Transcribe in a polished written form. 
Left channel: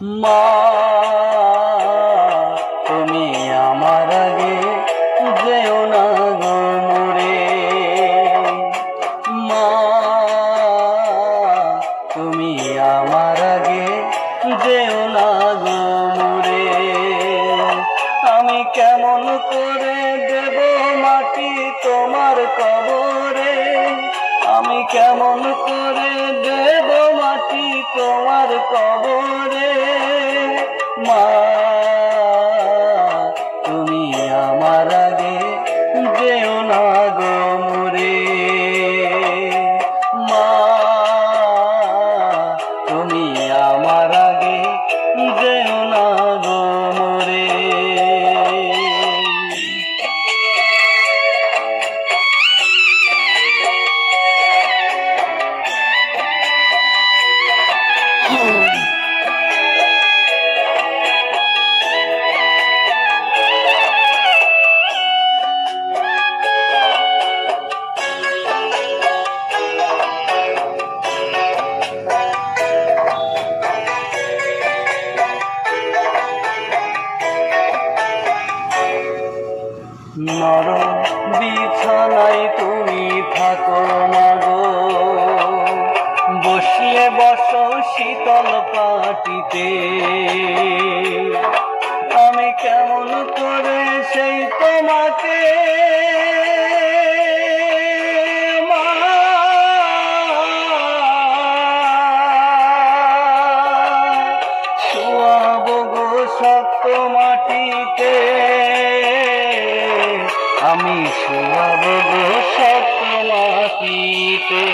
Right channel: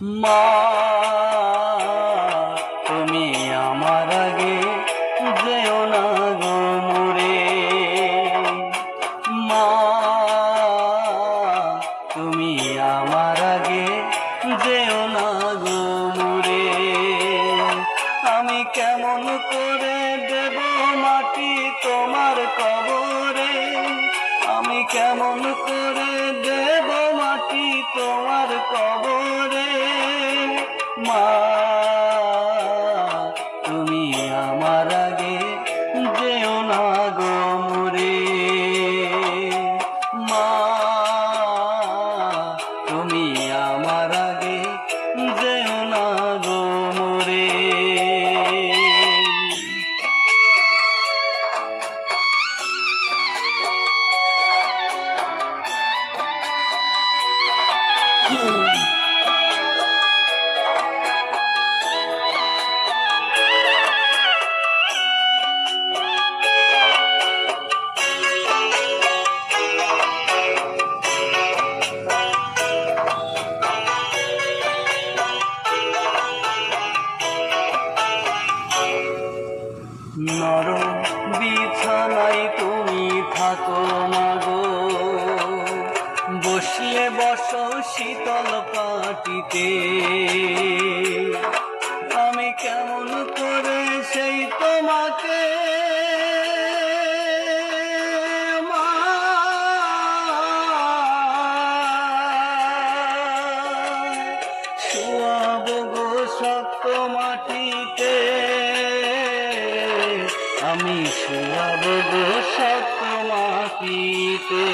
মা তুমি আমার আগে যেও না গো মোরে, মা তুমি আমার আগে যেও না গো মোরে। আমি কেমন করে দেব মাটি তোমার কবরে, আমি কেমন করে দেব মাটি তোমার কবরে। মা তুমি আমার আগে যেও না গো মোরে, মা তুমি আমার আগে যেও না গো মোরে। নরম বিছানায় তুমি থাকো না গো, বসিয়ে বসো শীতল পাটিতে। আমি কেমন করে সেই তোমাকে শোয়াবো গো শক্ত মাটিতে, আমি শোয়াবো গো শক্ত মাটিতে।